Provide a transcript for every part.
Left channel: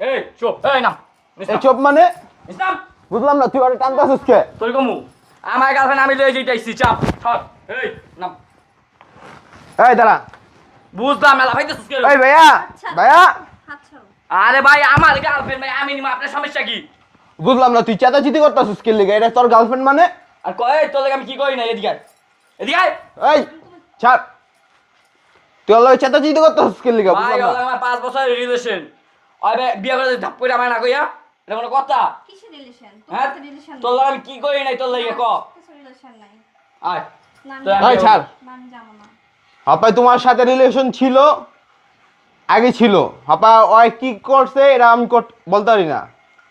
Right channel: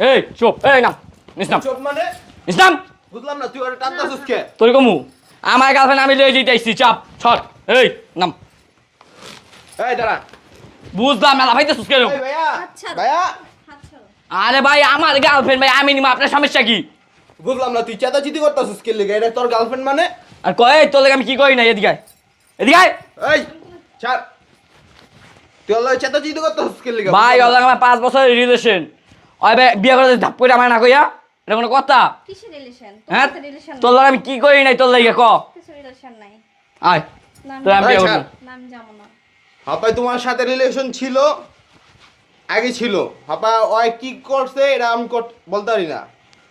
এই চুপ। এই না। নিস্তাম চোপ মানে? নিস্তাম বুঝলাম না তুই ওরা টানতেছিস কে? তোর কমু। আমার গার্লফ্রেন্ড আমি লয়ে যেতেছি চাপ। ছট এই নাম। এই দাঁড়া। বুঝলাম মেলা ভাইতে সুস্কে এই ভাইয়া। আচ্ছা। ভাইয়া। আচ্ছা আরে ভাই আমার গার্লফ্রেন্ড ভাই আমি নিমা আপনার সমস্যা কি? বুঝলাম না তুই চেতাচিতি করতেছিস কে লিগে? এটা তোর গার্লফ্রেন্ড মানে? আর কয় তোর লাগে আমি কি করি না এদিকে এদিকে। এই ছাড়। তুই ওর লগে চেতাচিতি করতেছিস কে লিগে? ভাই ওর আমার পাঁচ বছরের রিলেশন ওই ভাই বিয়ে করে ধাপ করে আমার না কইয়া? এটা কোনো কথা? কিসের রিলেশন হ্যাঁ? রিলেশন তোর লাগে আমি কি করি নাই তোর লাগে ক? কিছু রিলেশন নাই। আয়। না তোর আমি আয়, ছাড়। না, আমি যাব না। হাপাই তোমার সাথে রিলেশন ছিল আগে ছিল। হাপা ওই কি করছে এটা আমি কর- বলতে পারি না।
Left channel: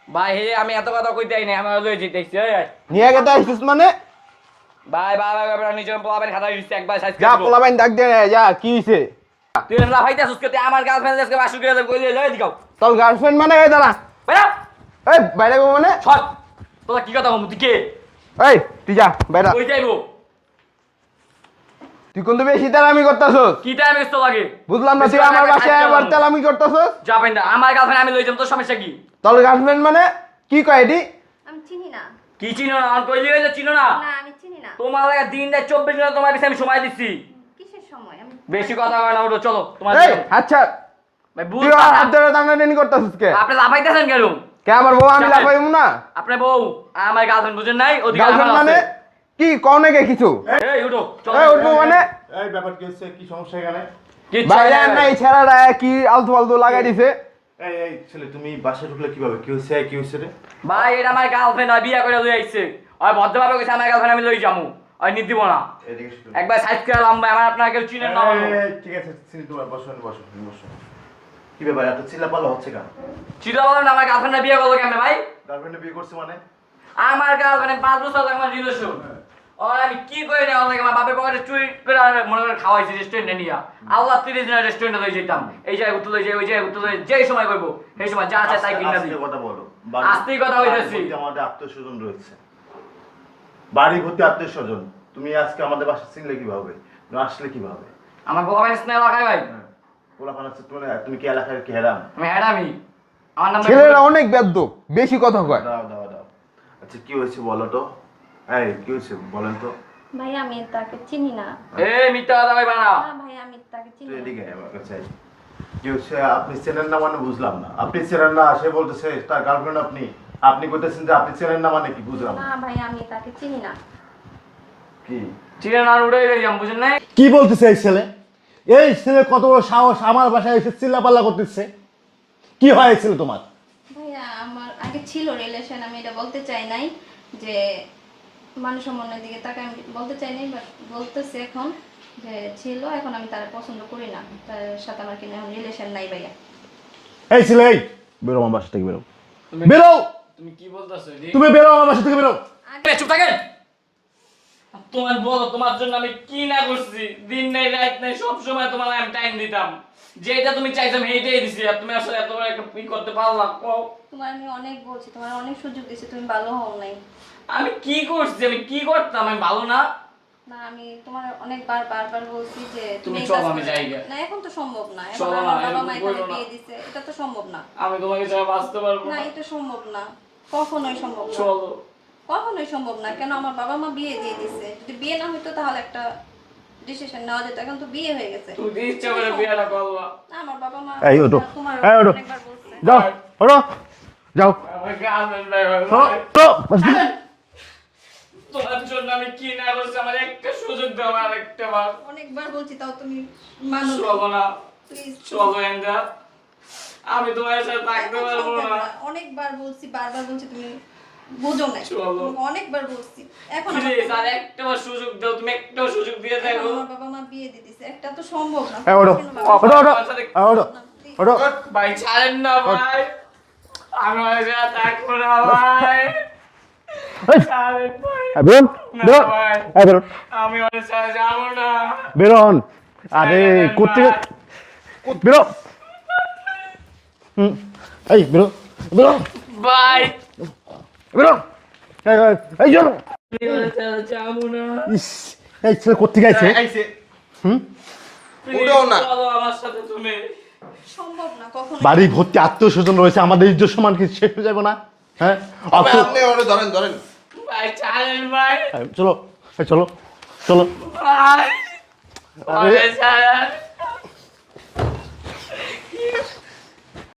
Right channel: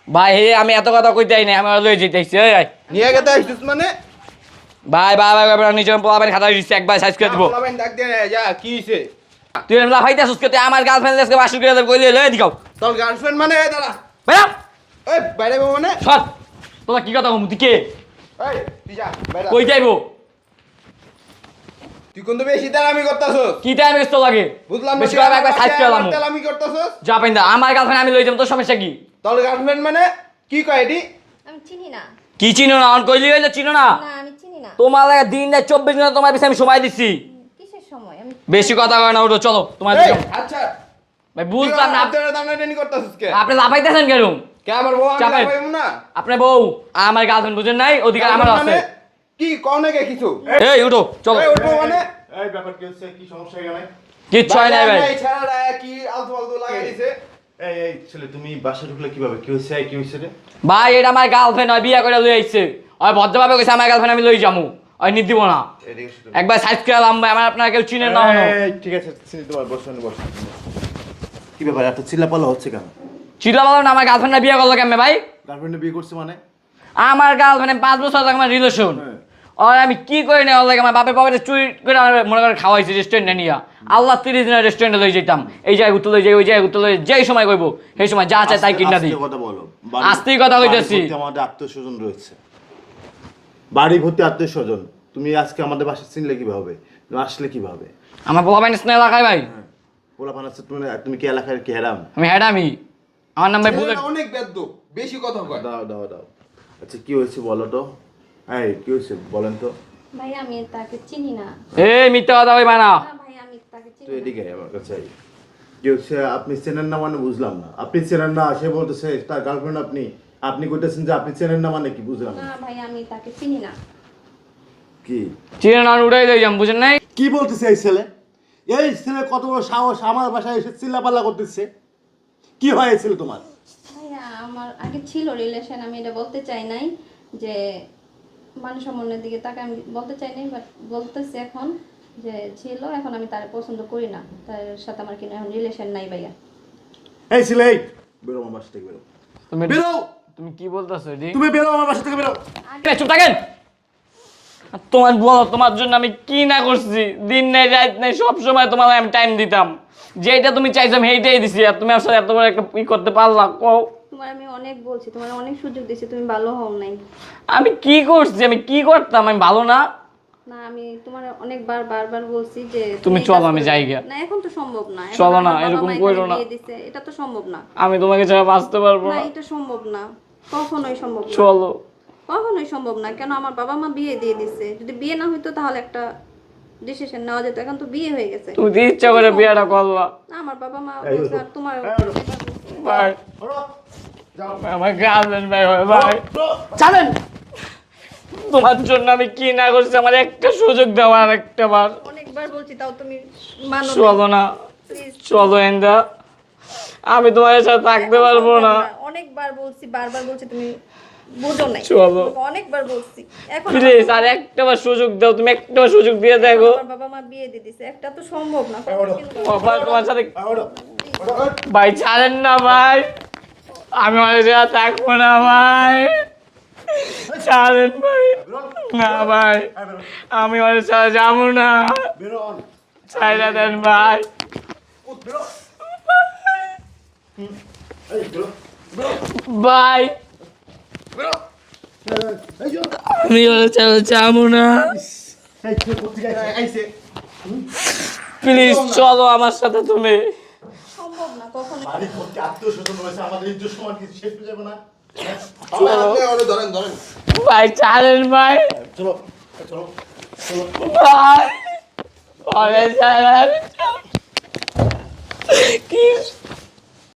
ভাই হে আমি এত কথা কইতে আই নাই আমি লয়ে যেতেছি এই। নিয়ে গেতে আসছিস মানে? ভাই ভাই ভাই নিজে পোলাবেন খাতা দিচ্ছি একবার সাইজ করে যা দিব। পোলাপাইন ডাক দে না, যা কি হইছে? তুই না ভাইতে সুস্ক তুই আমার গার্লফ্রেন্ড আজকে বাসুর করে দেব কইলে দিকাও তোর গার্লফ্রেন্ড মানে এই দাঁড়া ভাইয়া! এই বাইরে বউ মানে? সর! তোমার কি কথা মুতি কে? এই তুই যা বাইরে কই যাইবো? তুই বেশি তালামি করতেছস? কি টাইম গেছ লাগে বুঝলাম না বেশি তুই আমার। তালামি করতেছস? যা পাইন্দা আমার গার্লফ্রেন্ড আমি লই যাব তোর সমস্যা কি? তোর গার্লফ্রেন্ড মানে? কি কয় এটি? আমি চিনি না। কি চিনো না? অন কইলি হইলে চিনো না? না আমি চিনি না। তোমার লাগে দিন রাত চব্বিশ ঘণ্টা তোমার কাছে আমি সময় আমি বেশি কথা কয় না ওটো চলো তোমার আচ্ছা ভাই বুঝলাম না হাত ধরে টানাটানি করতেছস কে? আপনি লাফাইতেছেন কেন? কে আমার বউ? আমি চাপেন। না। আপনার বউ আমার গার্লফ্রেন্ড বুঝেন নাই ওদিকে আমার আছে। মানে কি? কও নাকি কিছু? এই উঠো চলো। এই উঠবো মানে? এই ব্যাপার কি হচ্ছে? কি সমস্যা এখানে? কিচ্ছু হয় বাইরে নাই ভাই। এই ছেলেরা কি আলতু ফালতু লাগাই দিছে? এই এই ছেলে তুমি বাসায় ঢুকলে কীভাবে? কি হচ্ছে কি হচ্ছে রে? ভাই এটা আমার গার্লফ্রেন্ড আর বিয়ে করে লই আইছে। আর ভদ্রভাবে কইছে আমার গার্লফ্রেন্ড আমি লই যামু। আর নিতে। একবার সাইজ করে আলাম ভাই আমার আপনার কেউ চিনেন না ঠিক আছে তোমার। কি ব্যাপার এত হচ্ছে কেন? না আমার গার্লফ্রেন্ড বিয়ে করল কেমনে ভাই? গার্লফ্রেন্ডে বিয়ে করছে মানে? আমার গার্লফ্রেন্ড পাঁচ বছর আগে আমার রিলেশন আর আমি কি করে নেওয়া লাগে আমার বাপের বাপের চুরি করে আমার মনে করে খাওয়াইছে রেস্টুরেন্টে নিয়ে। আল্লাহ তিরিশ দিনের রেস্টুরেন্টে লই যেতাম এই জায়গায় ঘুরতে লই যাই ওই জায়গায় ঘুরতে লই যেই সময় কইবো সেই সময় যা চাই তাই কিনা দিই। কথা বলো। আস্তেই কথা কইতাছি। আমাদের আত্মীয় স্বজন রয়েছে। বাড়ি ভর্তি আত্মীয় স্বজন তুমি আজকে আমাদের বাসা চিনলে কীভাবে? আসলে কীভাবে? আমার বাবা মাইনাস না এলাকায় ভাই? পোলা পানাচ্ছে তুমি তুমি কি এলাকার কি হেরাম? আমি হ্যাডামি আমার নাম ভাই ছেলেরা অনেক বেদ্য বেশি কথা কয়। দাও দাও দাও। আচ্ছা কি হয়েছে বলো তো? এই কি হয়েছে বলেন তো? ভাই আমি তাকে চিনি না। এই মিথ্যা কথা কইবা না। ভাই আমি তাকে চিনি তুই না। এদিকে আয় আমার কাছে। কি হচ্ছে আপনি চেনেন না মানে বুঝলাম না। আপনি চেনেন না সে বলতেছে তার গার্লফ্রেন্ড আপনি আপনি কইতেছেন যে আপনি চেনেন না মানে কি বুঝলাম না। না ভাই আমি তাকে চিনি না। কি? চিনে না উড়াই লই যাম বুঝেন নাই? কি বলতেছে এই ছেলে? এই ছেলে কত বড় সাহস আমার বাসায় এসে চিল্লাপাল্লা করতেছে। কি হয়েছিল তোমার? ভাইয়া আমার আগে ছিল রিলেশন আমি এটা বলতে চাই নাই যে মানুষের মনের দিকে তাকে আমি বলতে চাই নাই বাট বলতেছি এখন যে ছিল এখন আমি তার পছন্দ করি না। তার সাথে আমার কিনা এখন রিলেশন নাই ভাইয়া। এই ছেলে এই! বেরো আমার বাসা থেকে বেরো। বেরো! তুমি কি বলতাছো তুমি বেরো আমার বাসা থেকে বেরো। চুপ থাকেন। তোমার বলো তোমার জন্য আমি কি না করছি? দিন নেই রাত নেই সব সময় তোমার আমি টাইম দিতাম। যেটা তুমি চাইছো আমি সেইটাই দিছি। আর তুমি আসলে এত বড় একটা ই করতে পারলা কও। তোমার আমি অনেক বলছি তোমার অনেক সুযোগ দিয়েছি তুমি ভালো হও নাই। আমি কি করছি? আমি কি করতাম? আমি ভালো না? না আমি তোমার অনেকবার বারবার বলছি যে তুমি চলো, আমি যাই গিয়া। না এখন তো সম্ভব না। চলো না, এরকম করো না। এটা তো সম্ভব না। আমি তোমাকে ছাড়া বাঁচতে পারব না না। এটা সম্ভব না। কখনোই সম্ভব না। চলো। কখনোই সম্ভব না কেন আমার বাবা মা বিয়ে দিয়ে দিছে। যদি বিয়ে না হইতো তাহলে একটা ডিসিশন নেওয়া যেত এখন তো বিয়ে হয়ে গেছে। তুমি ইচ্ছা করে বিয়েটা করলা। না আমার বাবা মা এই ওঠো। তোমার এই ওঠো। যাও যাও। আমার গার্লফ্রেন্ড ভাই? ওঠো। তোমার জন্য আমি কি না করছি আমার একটা সুযোগ দেওয়া আর একটা বার। অনেকবার বলছি তাও তুমি মানো চলো না। চলো এন্দা আমি তোমার সাথে থাকতে পারব না। অনেকবার বলছি বারবার বলছি তুমি বোঝো না চলো। অনেকবার বলছি। এখন প্লিজ আর একটা বার সুযোগ দাও তুমি একটা সুযোগ দিয়ে দেখো। বাবা মা বিয়ে দিয়ে দিছে একটা তো সম্ভব না। এই ওঠো ওঠো ভাই ছাড়েন না ভাই। আমি ওর সাথে থাকব না ভাই। ছাড়েন ভাই। না ভাই। আমি ওর সাথে যাব না। বেরো হন আরে ছাড়েন কুত্তি বেরো। হুম। এই বেরো। বেরো বেরো এই, এই, এই আমি ওর না এই ছেলে প্লিজ চলো আমার সাথে তুমি। সম্ভব না কখনো বাড়ি ভর্তি আত্মীয় স্বজন রয়েছে আমাদের ইজ্জত সমান কি শেষ হয়ে যাবে না? হ্যাঁ? অত- আপনি ওরে ধরেন ধরেন। ভাই ছাড়েন ভাই। চলো চলো চলো। ভাই। কি